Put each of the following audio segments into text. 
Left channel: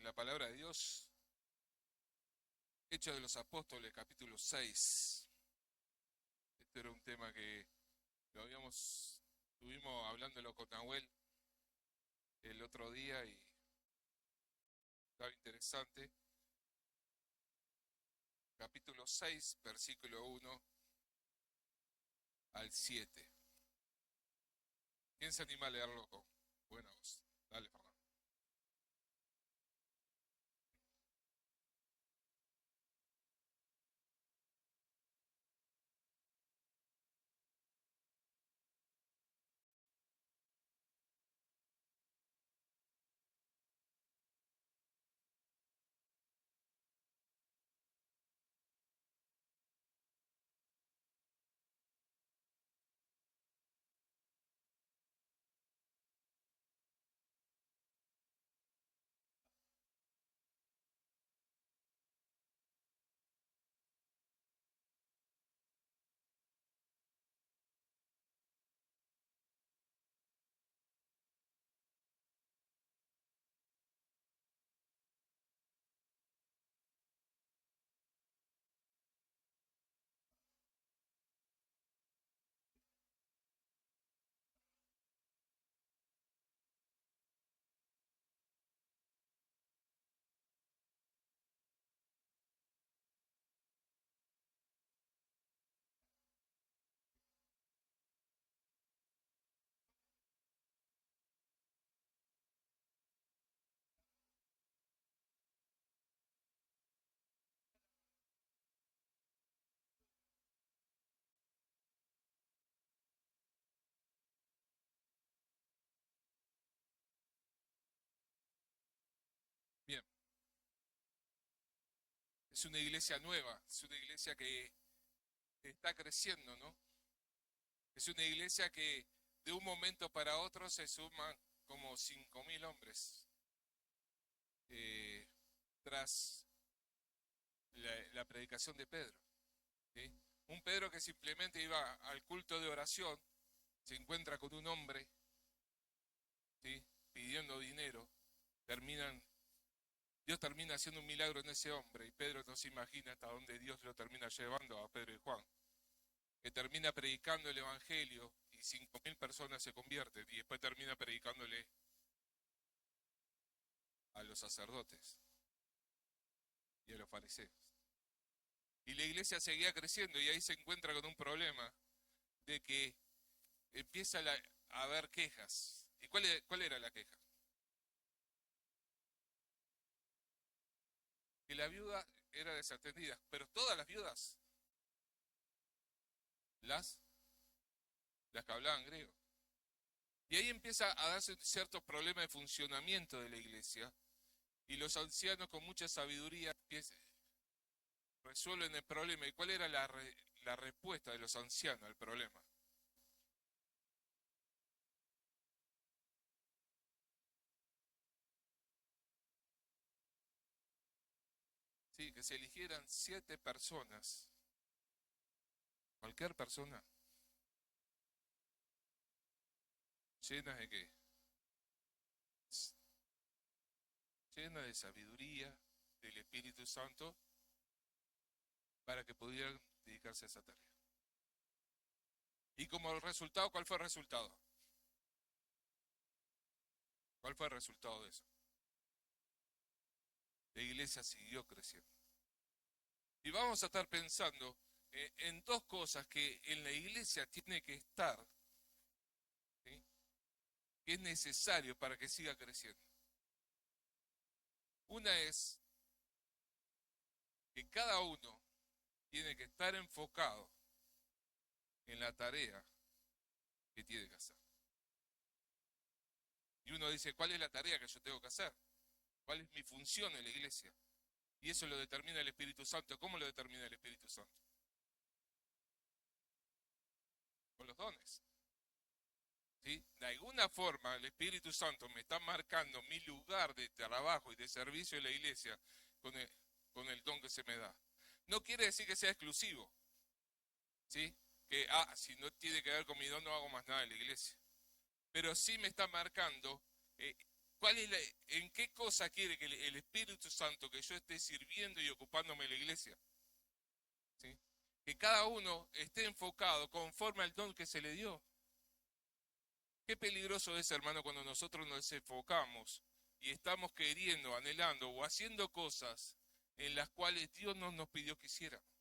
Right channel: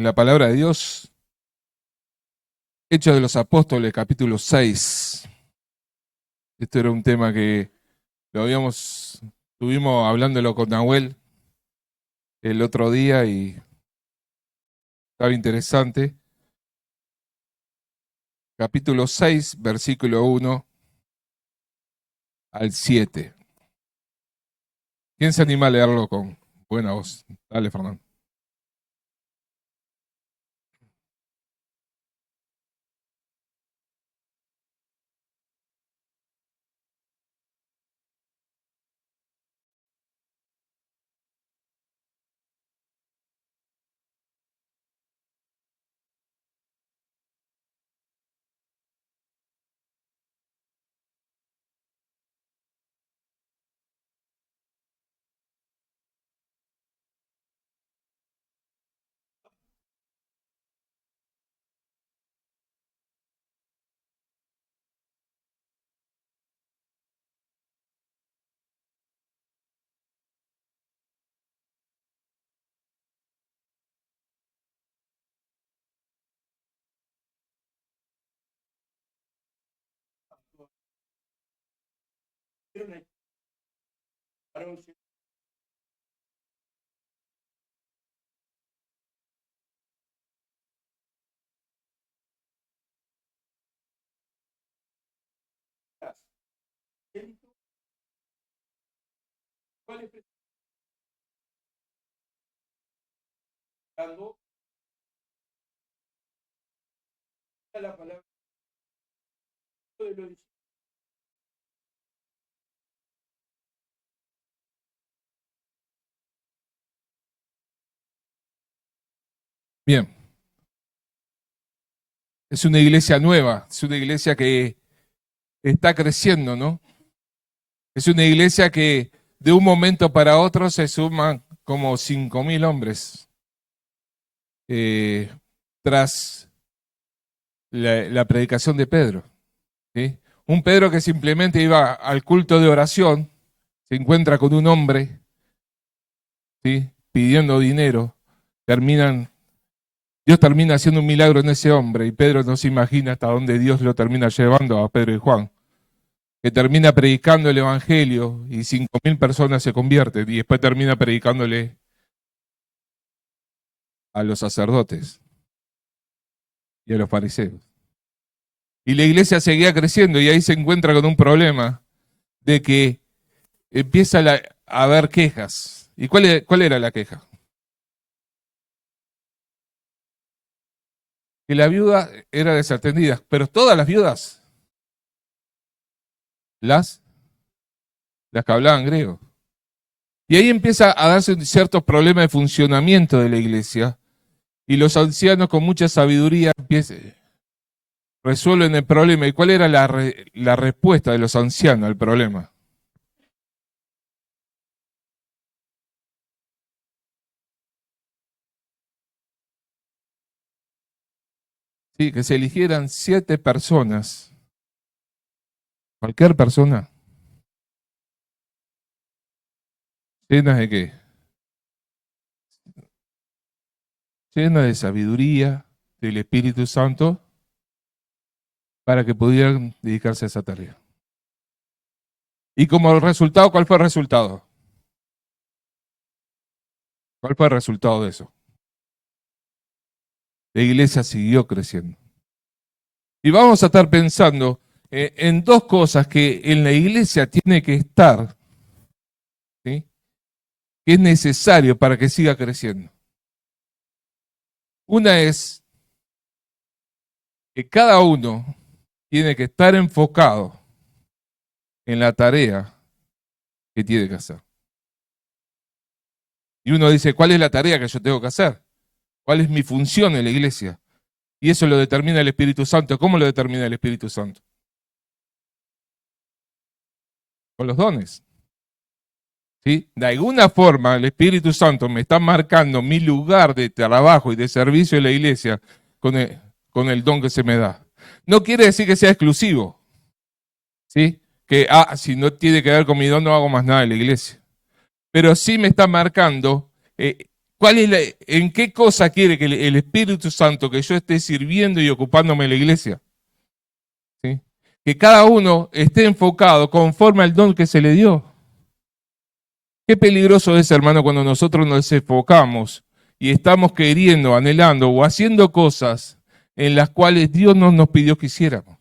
en la palabra de Dios, Hechos de los Apóstoles, capítulo 6. Esto era un tema que estuvimos hablándolo con Nahuel el otro día y estaba interesante. Capítulo 6, versículo 1 al 7. ¿Quién se anima a leerlo con buena voz? Dale, Fernando. Bien, es una iglesia nueva, es una iglesia que está creciendo, ¿no? Es una iglesia que de un momento para otro se suman como 5.000 hombres eh, tras la predicación de Pedro, ¿sí? Un Pedro que simplemente iba al culto de oración, se encuentra con un hombre, ¿sí?, pidiendo dinero, Dios termina haciendo un milagro en ese hombre y Pedro no se imagina hasta dónde Dios lo termina llevando a Pedro y Juan, que termina predicando el evangelio y 5.000 personas se convierten y después termina predicándole a los sacerdotes y a los fariseos. Y la iglesia seguía creciendo y ahí se encuentra con un problema de que empieza a haber quejas. ¿Y cuál era la queja? Que la viuda era desatendida, pero todas las viudas, las que hablaban griego. Y ahí empieza a darse un cierto problema de funcionamiento de la iglesia y los ancianos con mucha sabiduría resuelven el problema. ¿Y cuál era la respuesta de los ancianos al problema? Sí, que se eligieran 7 personas, cualquier persona, llenas de qué? Llenas de sabiduría del Espíritu Santo para que pudieran dedicarse a esa tarea. Y como resultado, ¿cuál fue el resultado? ¿Cuál fue el resultado de eso? La iglesia siguió creciendo. Y vamos a estar pensando en 2 cosas que en la iglesia tiene que estar, ¿sí?, que es necesario para que siga creciendo. Una es que cada uno tiene que estar enfocado en la tarea que tiene que hacer. Y uno dice, ¿cuál es la tarea que yo tengo que hacer? ¿Cuál es mi función en la iglesia? Y eso lo determina el Espíritu Santo. ¿Cómo lo determina el Espíritu Santo? Con los dones. ¿Sí? De alguna forma el Espíritu Santo me está marcando mi lugar de trabajo y de servicio en la iglesia con el don que se me da. No quiere decir que sea exclusivo, ¿sí? Que, si no tiene que ver con mi don no hago más nada en la iglesia. Pero sí me está marcando ¿En qué cosa quiere que el Espíritu Santo que yo esté sirviendo y ocupándome de la iglesia? ¿Sí? Que cada uno esté enfocado conforme al don que se le dio. Qué peligroso es, hermano, cuando nosotros nos enfocamos y estamos queriendo, anhelando o haciendo cosas en las cuales Dios no nos pidió que hiciéramos.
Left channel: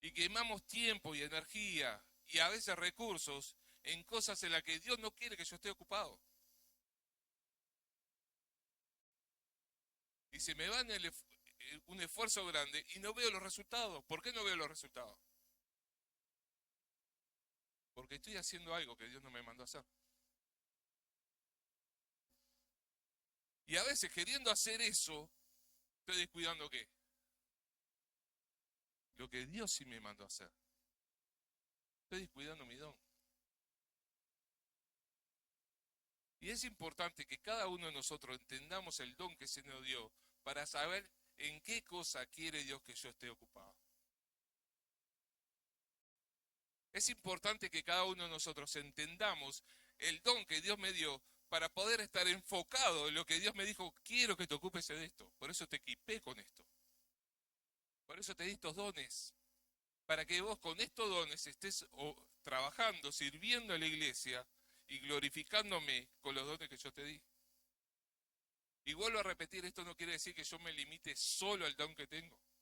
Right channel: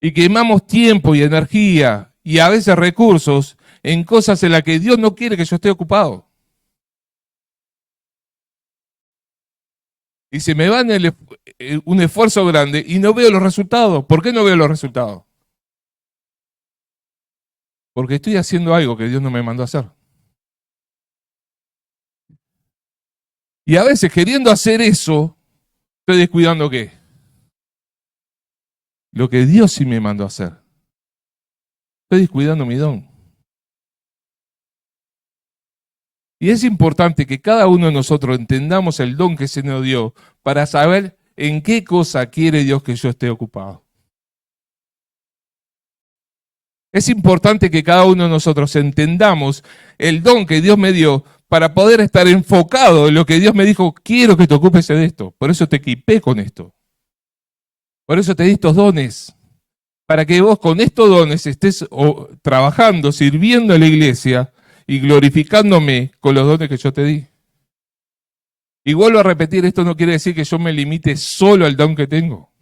Y quemamos tiempo y energía y a veces recursos en cosas en las que Dios no quiere que yo esté ocupado. Y se me va en un esfuerzo grande y no veo los resultados. ¿Por qué no veo los resultados? Porque estoy haciendo algo que Dios no me mandó a hacer. Y a veces queriendo hacer eso, estoy descuidando ¿qué? Lo que Dios sí me mandó a hacer. Estoy descuidando mi don. Y es importante que cada uno de nosotros entendamos el don que se nos dio para saber en qué cosa quiere Dios que yo esté ocupado. Es importante que cada uno de nosotros entendamos el don que Dios me dio para poder estar enfocado en lo que Dios me dijo, quiero que te ocupes de esto. Por eso te equipé con esto. Por eso te di estos dones. Para que vos con estos dones estés trabajando, sirviendo a la iglesia y glorificándome con los dones que yo te di. Y vuelvo a repetir, esto no quiere decir que yo me limite solo al don que tengo.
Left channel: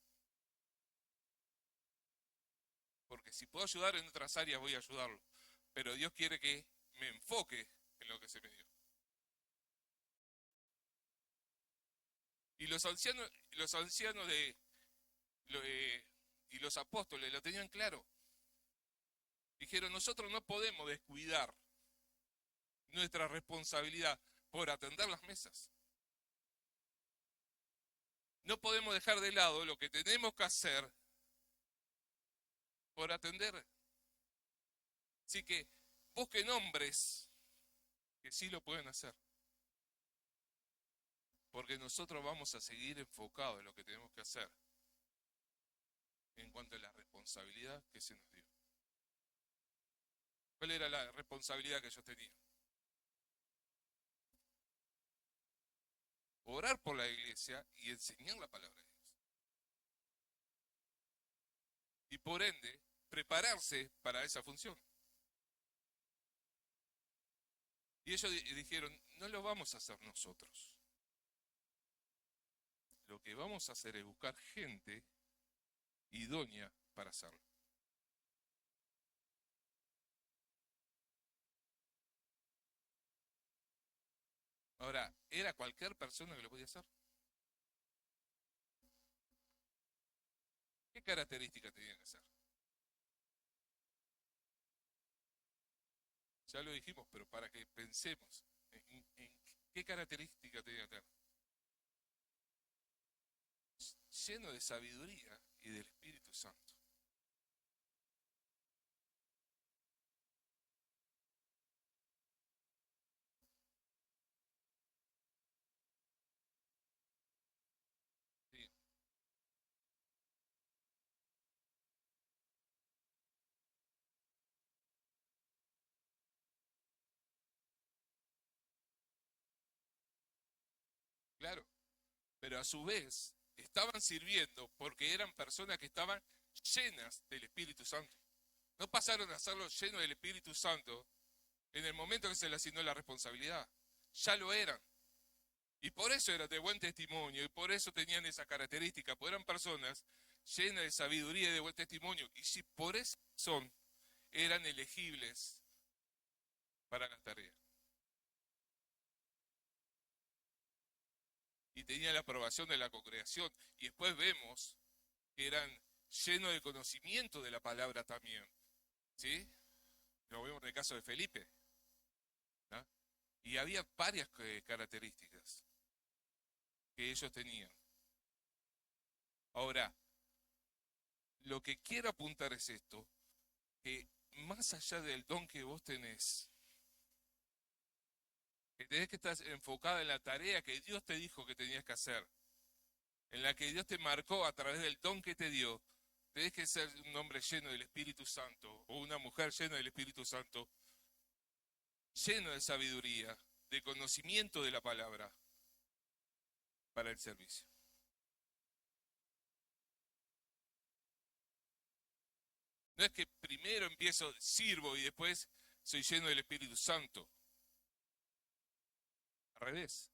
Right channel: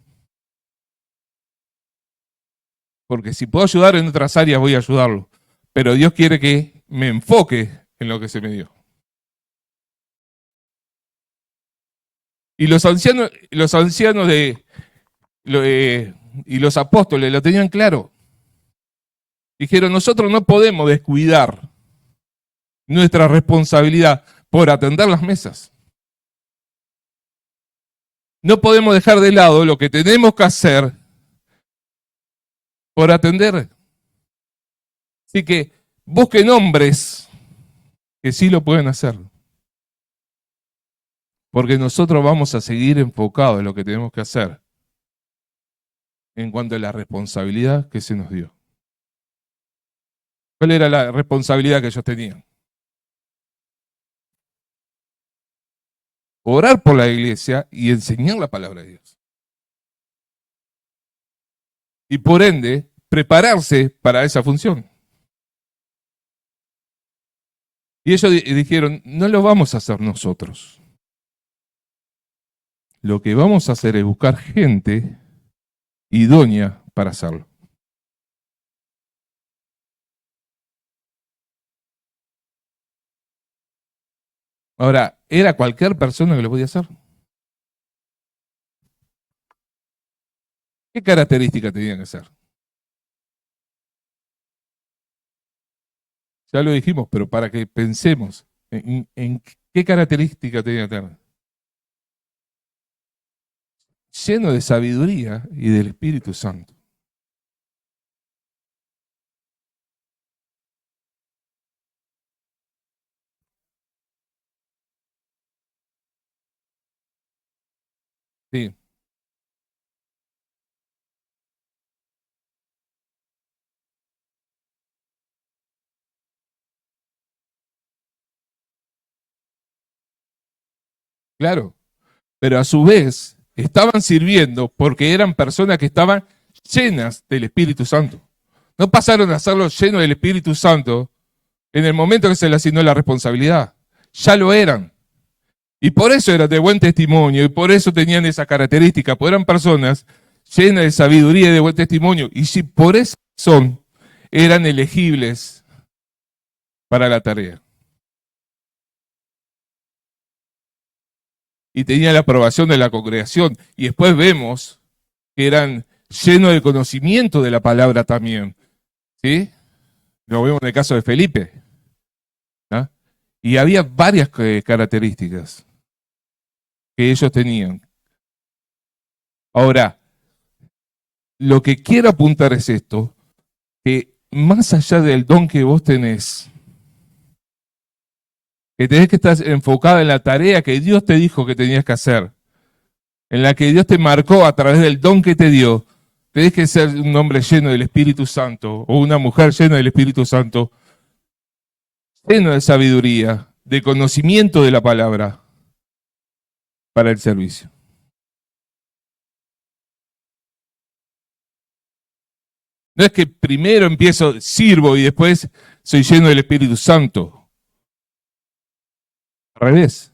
Porque si puedo ayudar en otras áreas, voy a ayudarlo. Pero Dios quiere que me enfoque en lo que se me dio. Y los ancianos y los apóstoles lo tenían claro. Dijeron, nosotros no podemos descuidar nuestra responsabilidad por atender las mesas. No podemos dejar de lado lo que tenemos que hacer por atender. Así que busquen hombres que sí lo pueden hacer. Porque nosotros vamos a seguir enfocados en lo que tenemos que hacer en cuanto a la responsabilidad que se nos dio. ¿Cuál era la responsabilidad que ellos tenían? Orar por la iglesia y enseñar la palabra de Dios. Y por ende, prepararse para esa función. Y ellos dijeron, no lo vamos a hacer nosotros. Lo que vamos a hacer es buscar gente idónea para hacerlo. Ahora, ¿era cualquier persona que lo podía hacer? ¿Qué características tenían que ser? Ya lo dijimos, pero para que pensemos en qué características tenían que tener. Lleno de sabiduría y del Espíritu Santo. Sí. Claro, pero a su vez estaban sirviendo porque eran personas que estaban llenas del Espíritu Santo. No pasaron a hacerlo lleno del Espíritu Santo en el momento que se les asignó la responsabilidad. Ya lo eran. Y por eso eran de buen testimonio y por eso tenían esa característica, porque eran personas llenas de sabiduría y de buen testimonio. Y si por esa razón eran elegibles para la tarea. Y tenían la aprobación de la congregación. Y después vemos que eran llenos de conocimiento de la palabra también. ¿Sí? Lo vemos en el caso de Felipe. ¿Ah? Y había varias características que ellos tenían. Ahora, lo que quiero apuntar es esto, que más allá del don que vos tenés, que tenés que estar enfocado en la tarea que Dios te dijo que tenías que hacer, en la que Dios te marcó a través del don que te dio, tenés que ser un hombre lleno del Espíritu Santo o una mujer llena del Espíritu Santo, lleno de sabiduría de conocimiento de la palabra para el servicio. No es que primero empiezo, sirvo y después soy lleno del Espíritu Santo. Al revés.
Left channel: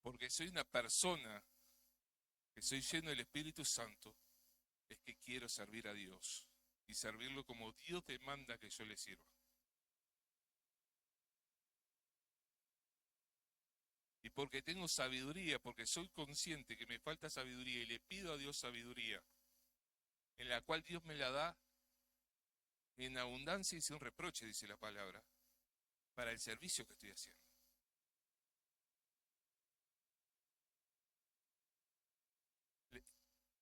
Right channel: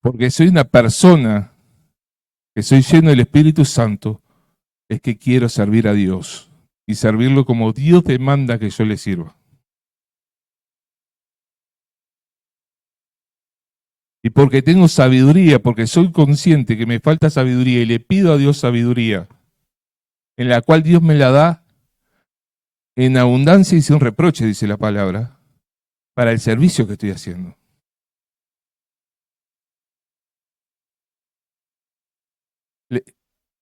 Porque soy una persona que soy lleno del Espíritu Santo, es que quiero servir a Dios y servirlo como Dios demanda que yo le sirva. Y porque tengo sabiduría, porque soy consciente que me falta sabiduría y le pido a Dios sabiduría, en la cual Dios me la da en abundancia y sin reproche, dice la palabra, para el servicio que estoy haciendo.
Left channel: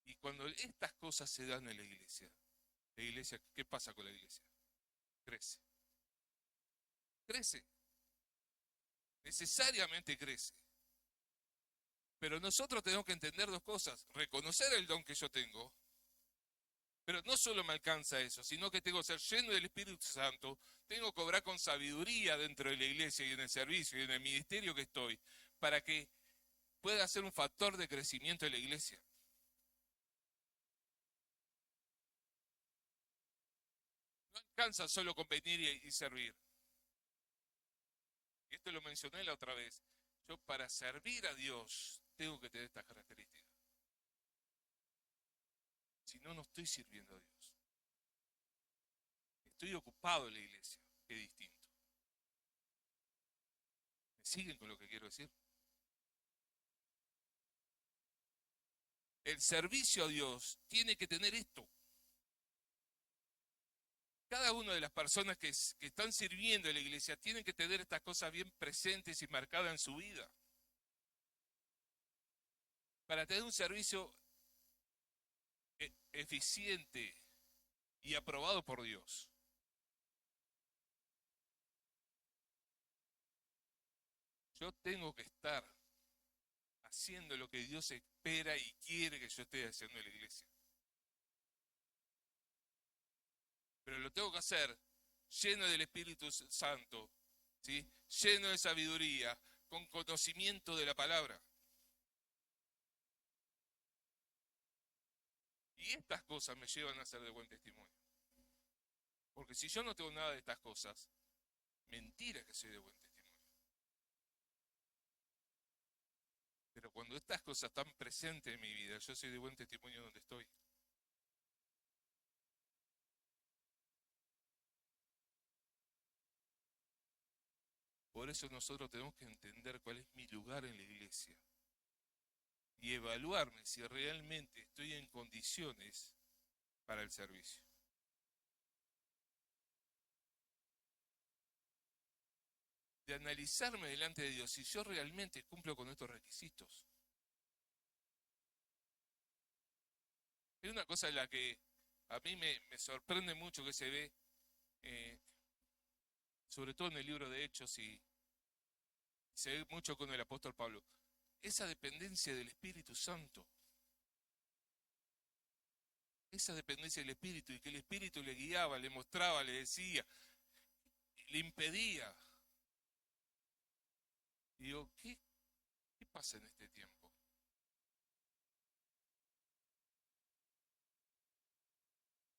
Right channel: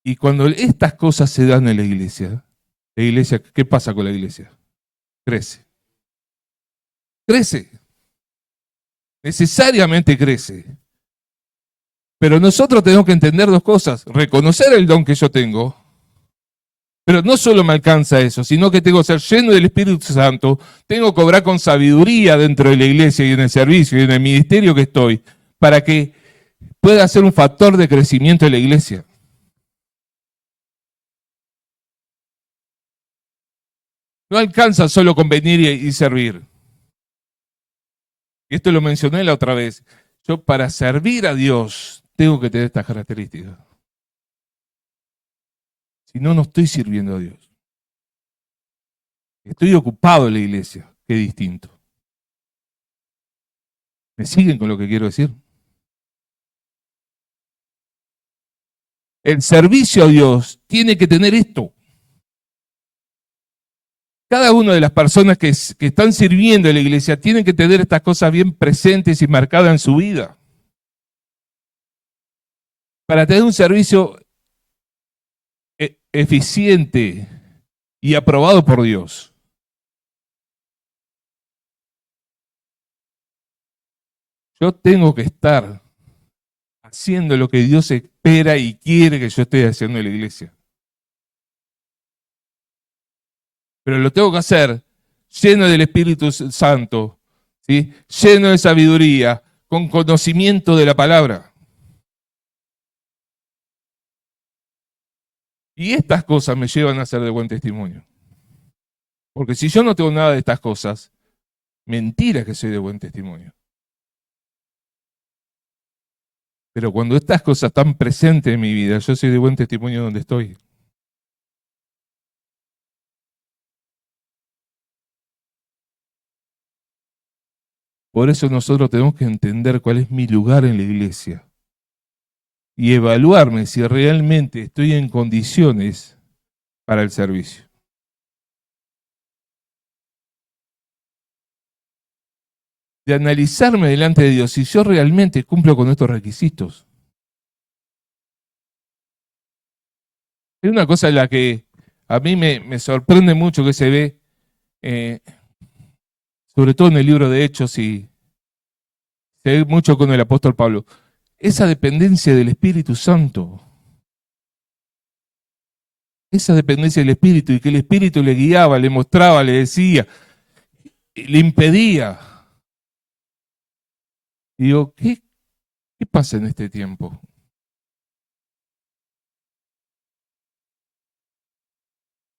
Y cuando estas cosas se dan en la iglesia, ¿qué pasa con la iglesia? Crece. Crece. Necesariamente crece. Pero nosotros tenemos que entender dos cosas. Reconocer el don que yo tengo. Pero no solo me alcanza eso, sino que tengo que ser lleno del Espíritu Santo. Tengo que obrar con sabiduría dentro de la iglesia y en el servicio y en el ministerio que estoy, para que pueda ser un factor de crecimiento de la iglesia. No alcanza solo con venir y servir. Y esto lo mencioné la otra vez. Yo para servir a Dios tengo que tener estas características. Si no, no estoy sirviendo a Dios. Estoy ocupado en la iglesia, que es distinto. ¿Me siguen con lo que quiero decir? El servicio a Dios tiene que tener esto. Cada una de las personas que están sirviendo en la iglesia tienen que tener estas cosas bien presentes y marcadas en su vida. Para tener un servicio eficiente y aprobado por Dios. Yo tengo que estar haciendo lo que Dios espera y quiere que yo esté haciendo en la iglesia. Pero lo tengo que hacer lleno del Espíritu Santo, ¿sí? Lleno de sabiduría, con conocimiento de la palabra. Y estas cosas me llevan a ser de buen testimonio. Porque si yo no tengo nada de estas cosas, mentira que soy de buen testimonio. Pero cuando estas cosas están presentes en mi vida, yo soy de buen testimonio donde estoy. Por eso nosotros tenemos que entender cuál es mi lugar en la iglesia y evaluarme si realmente estoy en condiciones para el servicio. De analizarme delante de Dios si yo realmente cumplo con estos requisitos. Es una cosa en la que a mí me sorprende mucho que se ve, sobre todo en el libro de Hechos y se ve mucho con el apóstol Pablo, esa dependencia del Espíritu Santo. Esa dependencia del Espíritu y que el Espíritu le guiaba, le mostraba, le decía, le impedía. Y digo, ¿qué pasa en este tiempo?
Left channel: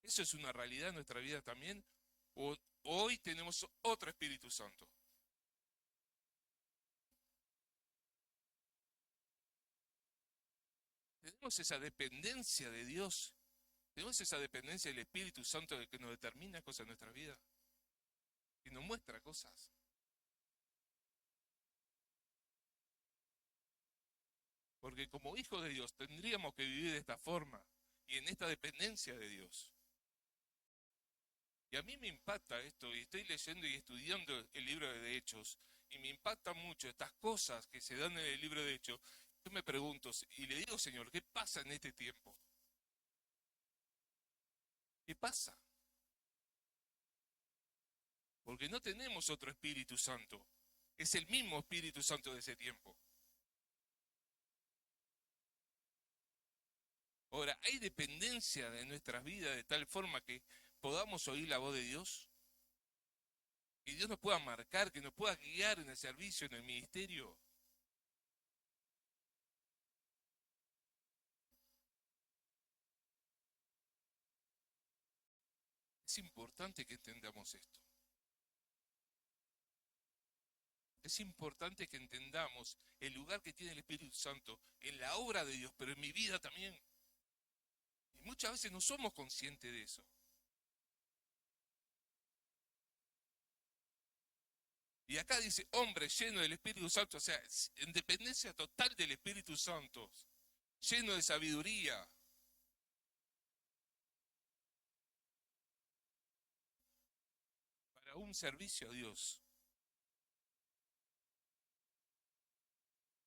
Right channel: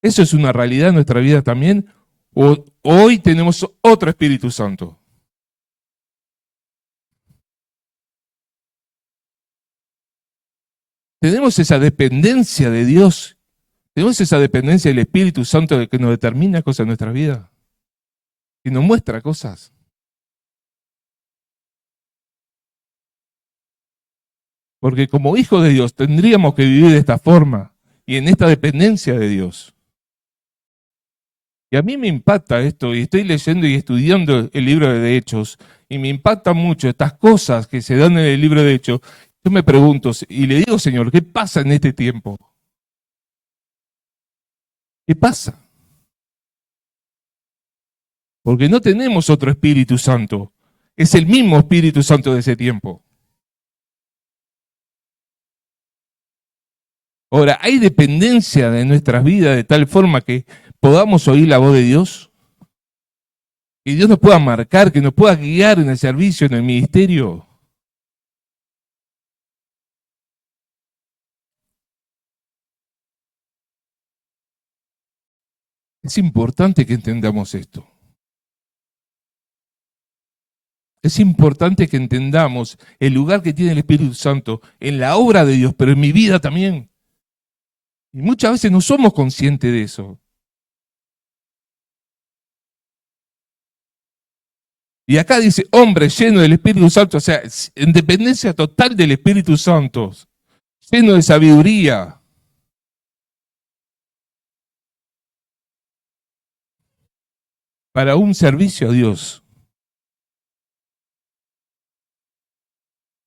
¿Eso es una realidad en nuestra vida también? ¿O hoy tenemos otro Espíritu Santo? Tenemos esa dependencia de Dios, tenemos esa dependencia del Espíritu Santo de que nos determina cosas en nuestra vida y nos muestra cosas. Porque como hijos de Dios tendríamos que vivir de esta forma y en esta dependencia de Dios. Y a mí me impacta esto, y estoy leyendo y estudiando el libro de Hechos, y me impacta mucho estas cosas que se dan en el libro de Hechos. Yo me pregunto, y le digo, Señor, ¿qué pasa en este tiempo? ¿Qué pasa? Porque no tenemos otro Espíritu Santo. Es el mismo Espíritu Santo de ese tiempo. Ahora, ¿hay dependencia de nuestras vidas de tal forma que podamos oír la voz de Dios? Que Dios nos pueda marcar, que nos pueda guiar en el servicio, en el ministerio. Es importante que entendamos esto. Es importante que entendamos el lugar que tiene el Espíritu Santo en la obra de Dios, pero en mi vida también. Y muchas veces no somos conscientes de eso. Y acá dice, hombre lleno del Espíritu Santo, o sea, en dependencia total del Espíritu Santo, lleno de sabiduría. Para un servicio a Dios.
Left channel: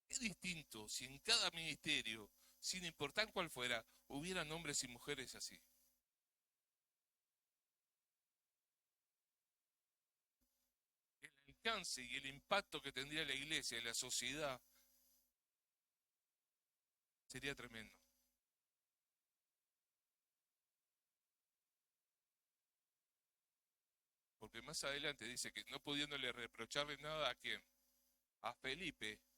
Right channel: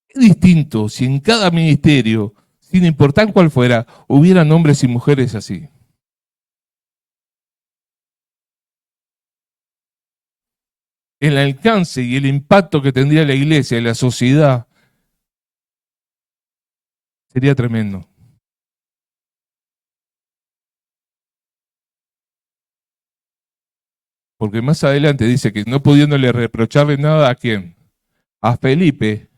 Es distinto si en cada ministerio, sin importar cuál fuera, hubieran hombres y mujeres así. El alcance y el impacto que tendría la iglesia y la sociedad sería tremendo. Porque más adelante dice que no pudiéndole reprocharle nada a quién, a Felipe,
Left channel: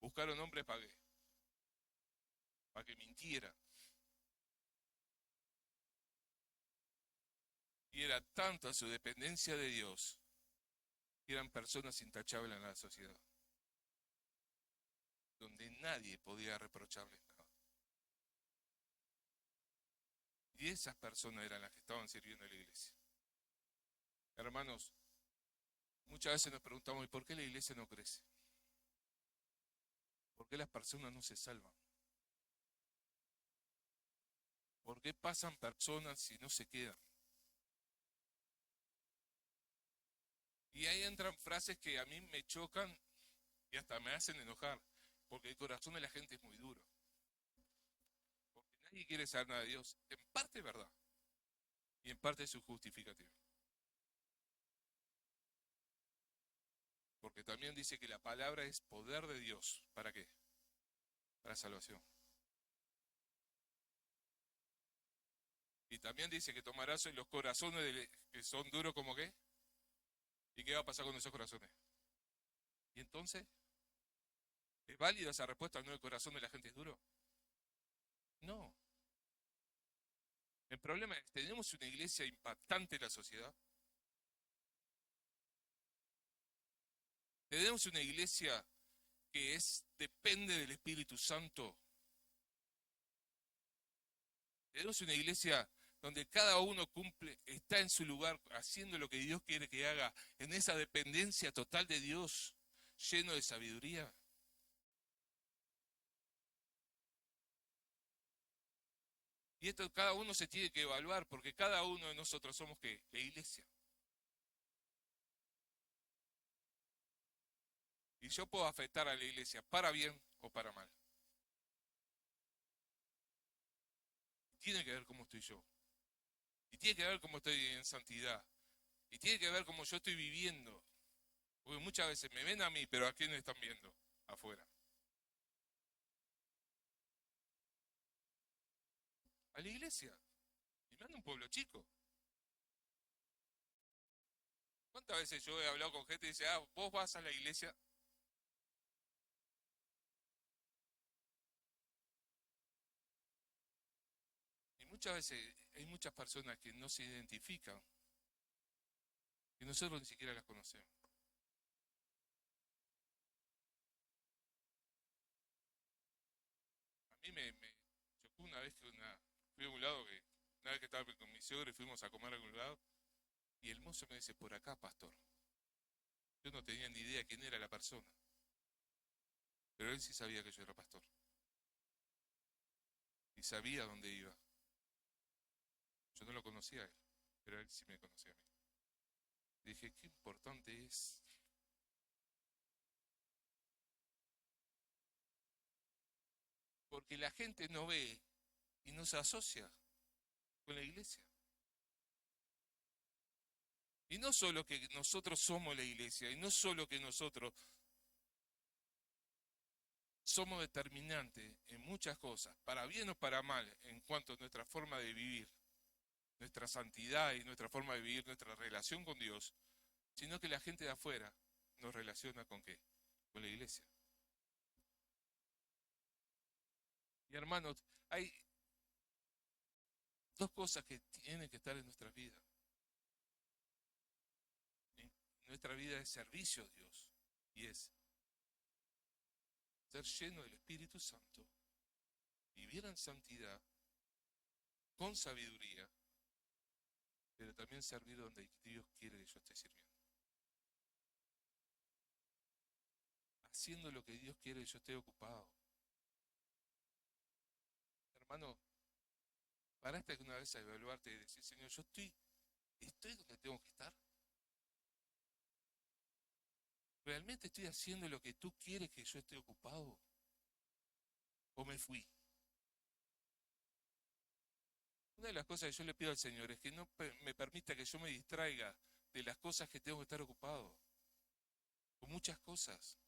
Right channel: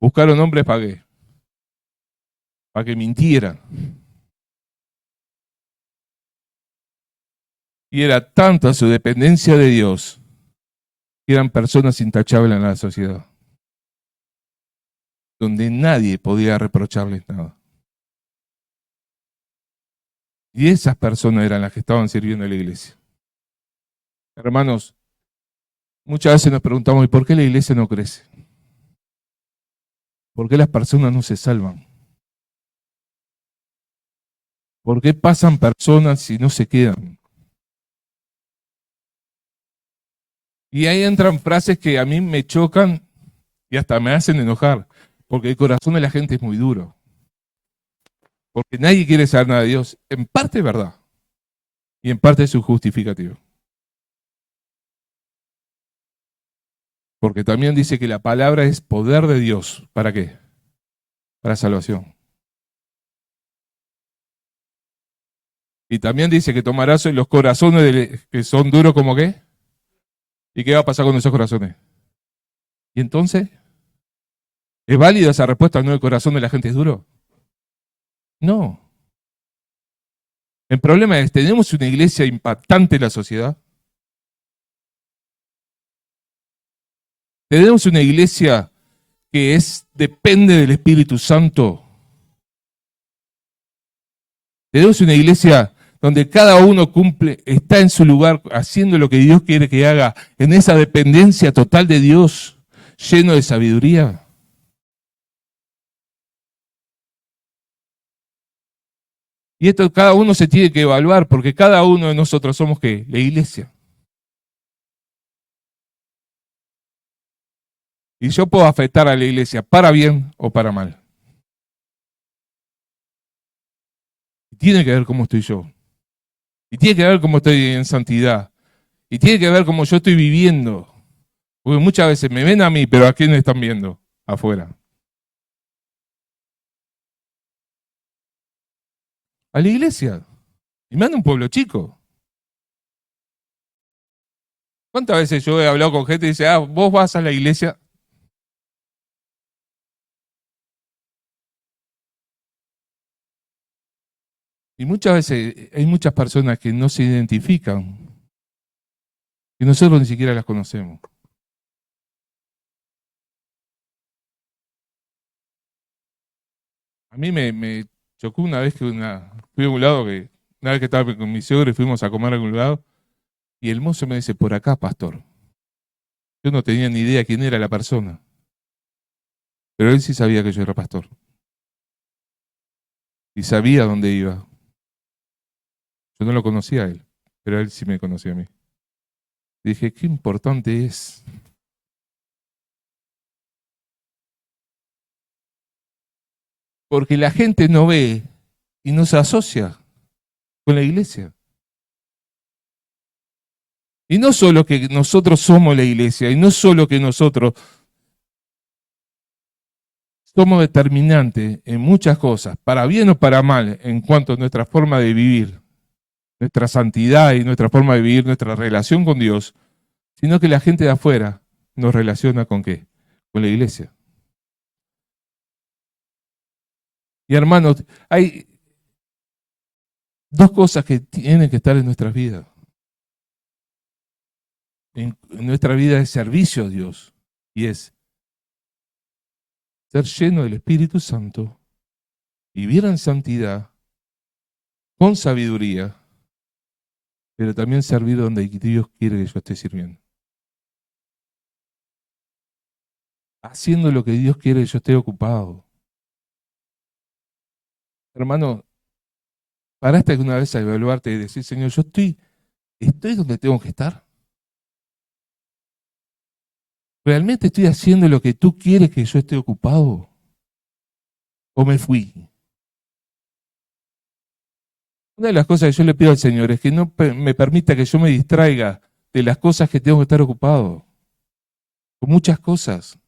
buscaron hombres para qué, para que mintiera. Y era tanta su dependencia de Dios que eran personas intachables en la sociedad, donde nadie podía reprocharles nada. Y esas personas eran las que estaban sirviendo a la iglesia. Hermanos, muchas veces nos preguntamos, ¿y por qué la iglesia no crece? ¿Por qué las personas no se salvan? ¿Por qué pasan personas y no se quedan? Y ahí entran frases que a mí me chocan y hasta me hacen enojar, porque el corazón de la gente es muy duro. Porque nadie quiere saber nada de Dios. En parte es verdad, y en parte es su justificativo. Porque también dice que la palabra es poder de Dios. ¿Para qué? Para salvación. Y también dice que tomarás los corazones que son duros como qué. ¿Y qué va a pasar con esos corazones? ¿Y entonces? ¿Es válida esa respuesta? ¿No el corazón de la gente es duro? No. El problema es, ¿tenemos una iglesia impactante en la sociedad? ¿Tenemos una iglesia que depende del Espíritu Santo? ¿Tenemos una iglesia donde cada uno cumple, está en su lugar haciendo lo que Dios quiere que haga, en esa dependencia total de Dios, lleno de sabiduría? Y esto cada uno se tiene que evaluar, porque cada uno de nosotros somos ¿qué? La iglesia. Y yo puedo afectar a la iglesia para bien o para mal. Y tiene que ver cómo estoy yo. Y tiene que ver cómo estoy en santidad. Y tiene que ver cómo yo estoy viviendo. Porque muchas veces me ven a mí, pero ¿a quién me están viendo? Afuera. A la iglesia. Y me anda un pueblo chico. ¿Cuántas veces yo he hablado con gente y dice, vos vas a la iglesia? Y muchas veces hay muchas personas que no se identifican, que nosotros ni siquiera las conocemos. A mí me chocó una vez que fui a un lado, una vez que estaba con mi suegro y fuimos a comer a algún lado, y el mozo me dice, por acá, pastor. Yo no tenía ni idea quién era la persona, pero él sí sabía que yo era pastor. Y sabía dónde iba. Yo no lo conocía a él, pero él sí me conocía a mí. Dije, qué importante es. Porque la gente no ve y no se asocia con la iglesia. Y no solo que nosotros somos la iglesia, y no solo que nosotros somos determinantes en muchas cosas, para bien o para mal, en cuanto a nuestra forma de vivir, nuestra santidad y nuestra forma de vivir, nuestra relación con Dios, sino que la gente de afuera nos relaciona ¿con qué? Con la iglesia. Y hermanos, hay dos cosas que tienen que estar en nuestras vidas. En nuestra vida es servicio a Dios y es ser lleno del Espíritu Santo, vivir en santidad, con sabiduría, pero también servir donde Dios quiere que yo esté sirviendo. Haciendo lo que Dios quiere que yo esté ocupado. Hermano, paraste alguna vez a evaluarte y decir, Señor, yo estoy donde tengo que estar. ¿Realmente estoy haciendo lo que tú quieres que yo esté ocupado? ¿O me fui? Una de las cosas que yo le pido al Señor es que no me permita que yo me distraiga de las cosas que tengo que estar ocupado. Con muchas cosas.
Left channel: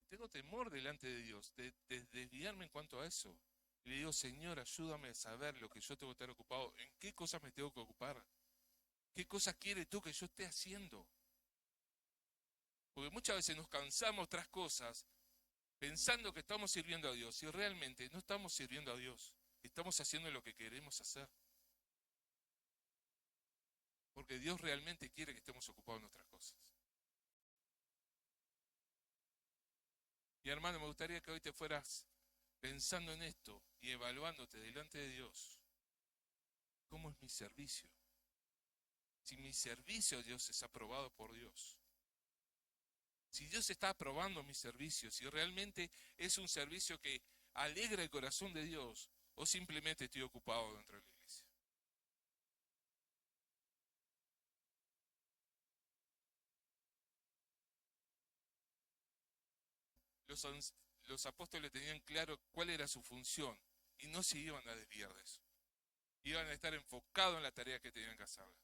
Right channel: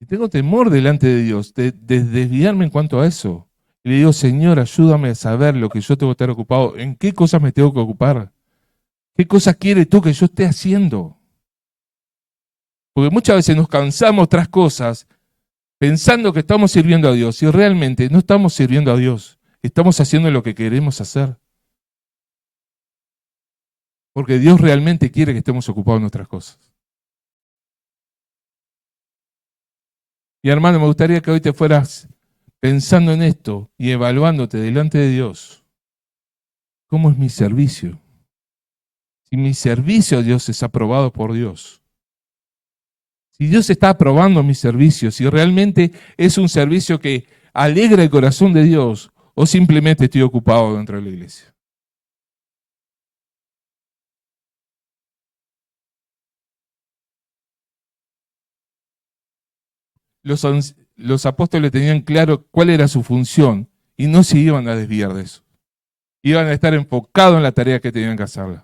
Y tengo temor delante de Dios de desviarme en cuanto a eso. Y le digo, Señor, ayúdame a saber lo que yo tengo que estar ocupado. ¿En qué cosas me tengo que ocupar? ¿Qué cosas quieres tú que yo esté haciendo? Porque muchas veces nos cansamos tras cosas pensando que estamos sirviendo a Dios y realmente no estamos sirviendo a Dios. Estamos haciendo lo que queremos hacer. Porque Dios realmente quiere que estemos ocupados en nuestras cosas. Y hermano, me gustaría que hoy te fueras pensando en esto y evaluándote delante de Dios. ¿Cómo es mi servicio? Si mi servicio a Dios es aprobado por Dios. Si Dios está aprobando mi servicio, si realmente es un servicio que alegra el corazón de Dios o simplemente estoy ocupado dentro de la iglesia. Los apóstoles tenían claro cuál era su función y no se iban a desviar de eso. Iban a estar enfocados en la tarea que tenían que hacer.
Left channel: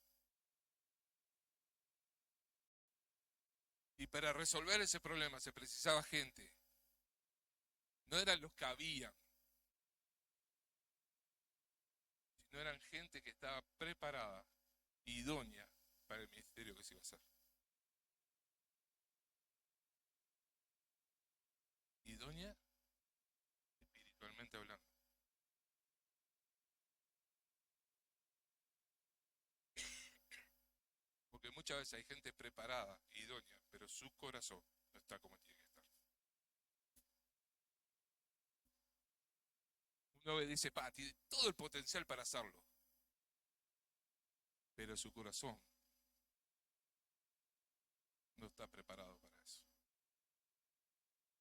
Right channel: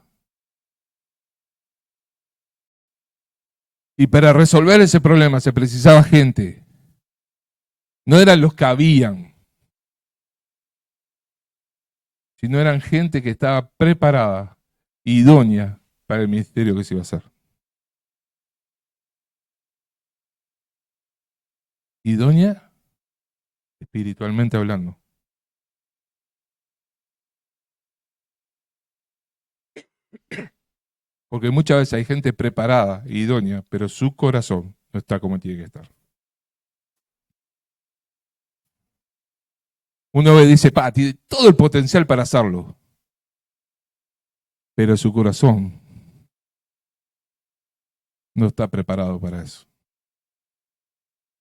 Y para resolver ese problema se precisaba gente. No eran los que habían, sino eran gente que estaba preparada, idónea para el ministerio que se iba a hacer. Idónea espiritualmente hablando. Porque muchas veces hay gente preparada, idónea, pero su corazón no está como tiene que estar. Uno ve y dice, tiene todo el potencial para hacerlo, pero su corazón no está preparado para eso.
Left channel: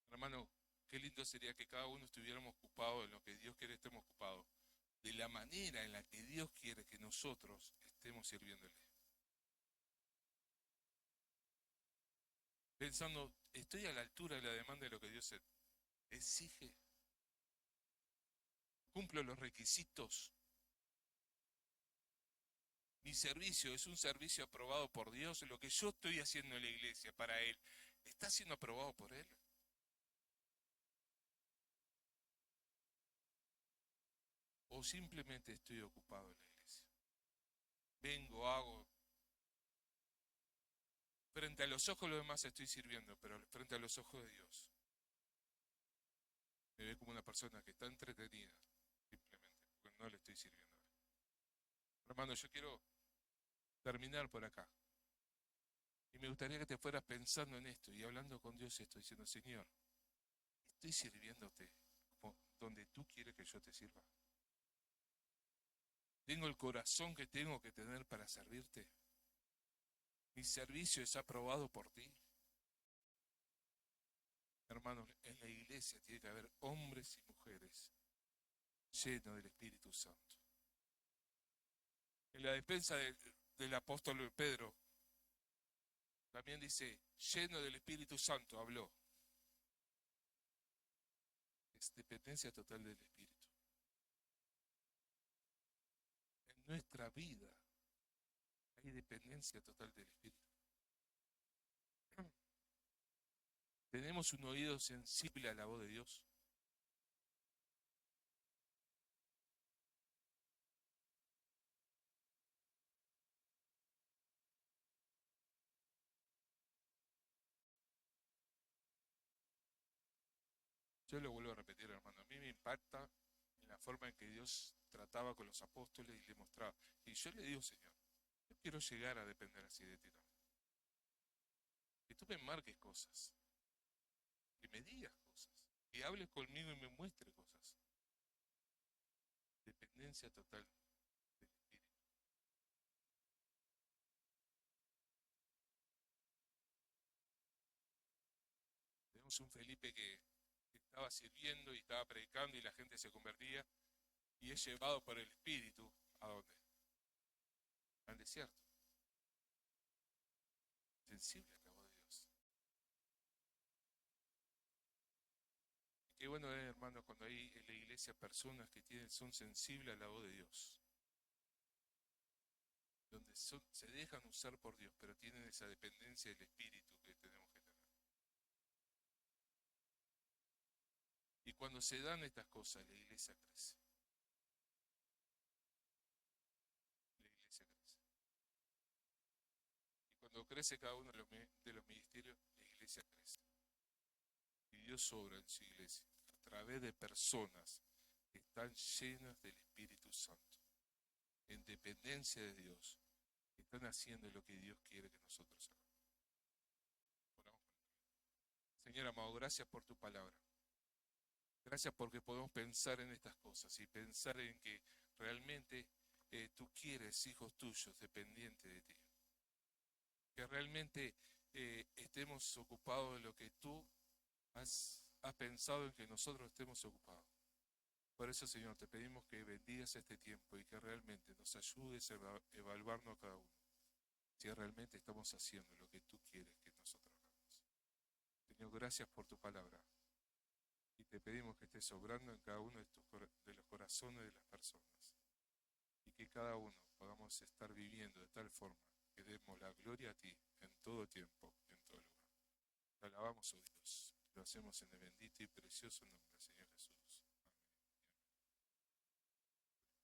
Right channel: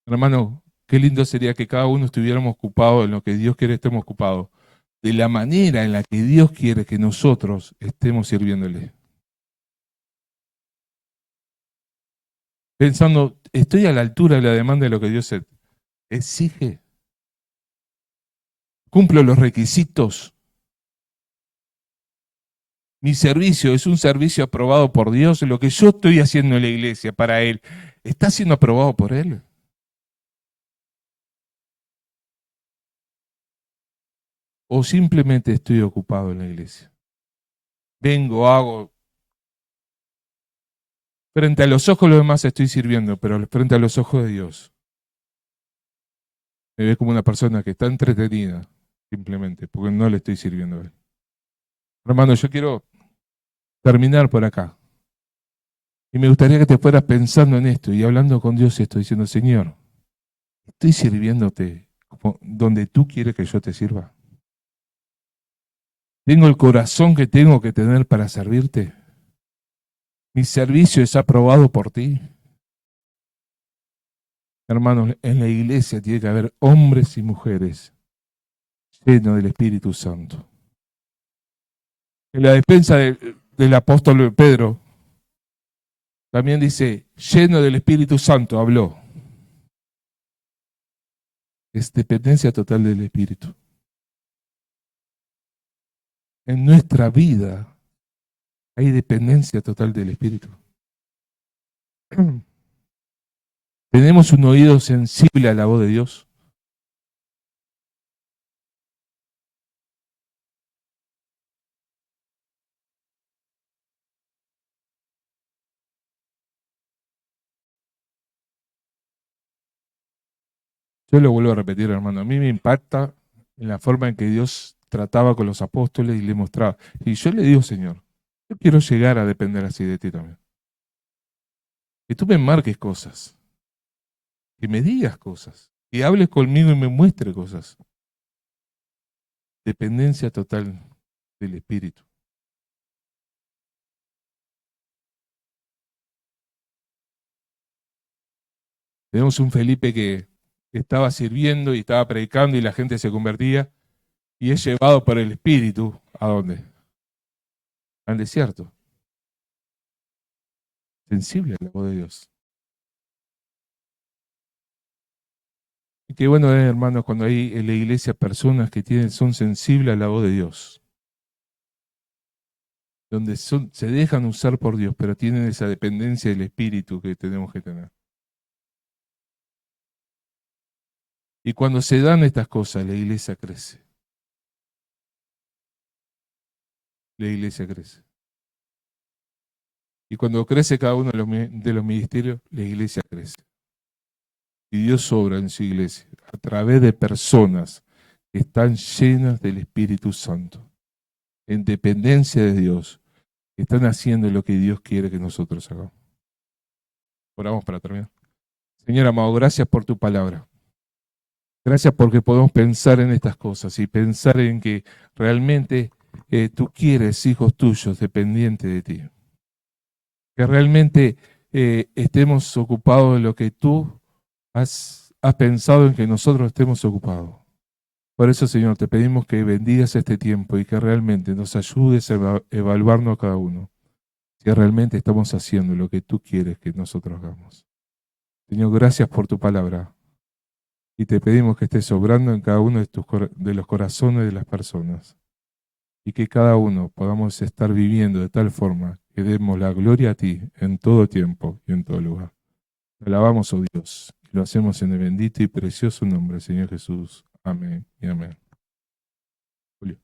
Hermano, qué lindo sería que cada uno estuviéramos ocupados en lo que Dios quiere que estemos ocupados, de la manera en la que Dios quiere que nosotros estemos sirviéndole. Pensando, ¿estoy a la altura de la demanda de lo que Dios exige? ¿Cumplo los requisitos? Mi servicio es un servicio aprobado por Dios. Lo que yo estoy haciendo en la iglesia para Él, ¿está siendo aprobado por Él? ¿O simplemente estoy ocupado en la iglesia? Vengo, hago. Frente a los ojos de los demás estoy sirviendo, pero frente a los ojos de Dios me ve como una persona que está entretenida, simplemente, porque no le estoy sirviendo a Él. Hermano, yo quiero terminar por acá. Y me gustaría que te fueras pensando en esto y hablando con Dios esto, diciendo, Señor, ¿estoy sirviéndote donde tú quieres que yo te sirva? ¿Tengo el corazón que tengo que tener para servirte? ¿Mi servicio es aprobado por ti? Hermanos, en la iglesia tiene que haber hombres y mujeres llenos del Espíritu Santo. En la despensa del apóstol Pedro, también dice, lleno del Espíritu Santo, habló. Es dependencia total del Espíritu. En nuestra vida hay dependencia total del Espíritu. ¿Tenemos un oído sensible a la voz de Dios? Yo lo vuelvo a repetir, hermano, a mí me impacta en la forma en que Dios trataba con los apóstoles y le mostraba. Y yo le digo, Señor, yo quiero llegar a depender así de ti también. Que tú me marques cosas, que me digas cosas, que hables conmigo y me muestres cosas. Dependencia total del Espíritu. Tenemos un Felipe que estaba sirviendo y estaba predicando y la gente se convertía y es llevado por el Espíritu. ¿A dónde? Al desierto. Sensible a la voz de Dios. Y qué bueno es, hermanos, cuando hay en la iglesia personas que son sensibles a la voz de Dios. Donde se dejan usar por Dios, pero tienen esa dependencia del Espíritu que tenemos que tener. Y cuando se dan estas cosas, la iglesia crece. La iglesia crece. Y cuando crece cada uno de los ministerios, la iglesia crece. Y Dios obra en su iglesia a través de personas que están llenas del Espíritu Santo, en dependencia de Dios, que están haciendo lo que Dios quiere que nosotros hagamos. Oramos para terminar. Señor amado, gracias por tu palabra. Gracias porque podemos pensar en estas cosas y pensar en que realmente tú quieres hijos tuyos dependientes de ti. Que realmente estemos ocupados en lo que tú has pensado en que nosotros estemos ocupados. Por eso, Señor, te pedimos que bendigas este tiempo y que realmente nos ayudes a evaluarnos a cada uno. Si realmente estamos haciendo lo que tú quieres que nosotros hagamos. Señor, gracias por tu palabra. Y te pedimos que estés obrando en cada uno de los corazones de las personas. Y que cada uno podamos estar viviendo de tal forma que demos la gloria a ti en todo tiempo y en todo lugar. Te alabamos, oh Dios, y lo hacemos en el bendito y precioso nombre del Señor Jesús. Amén y amén. Julio.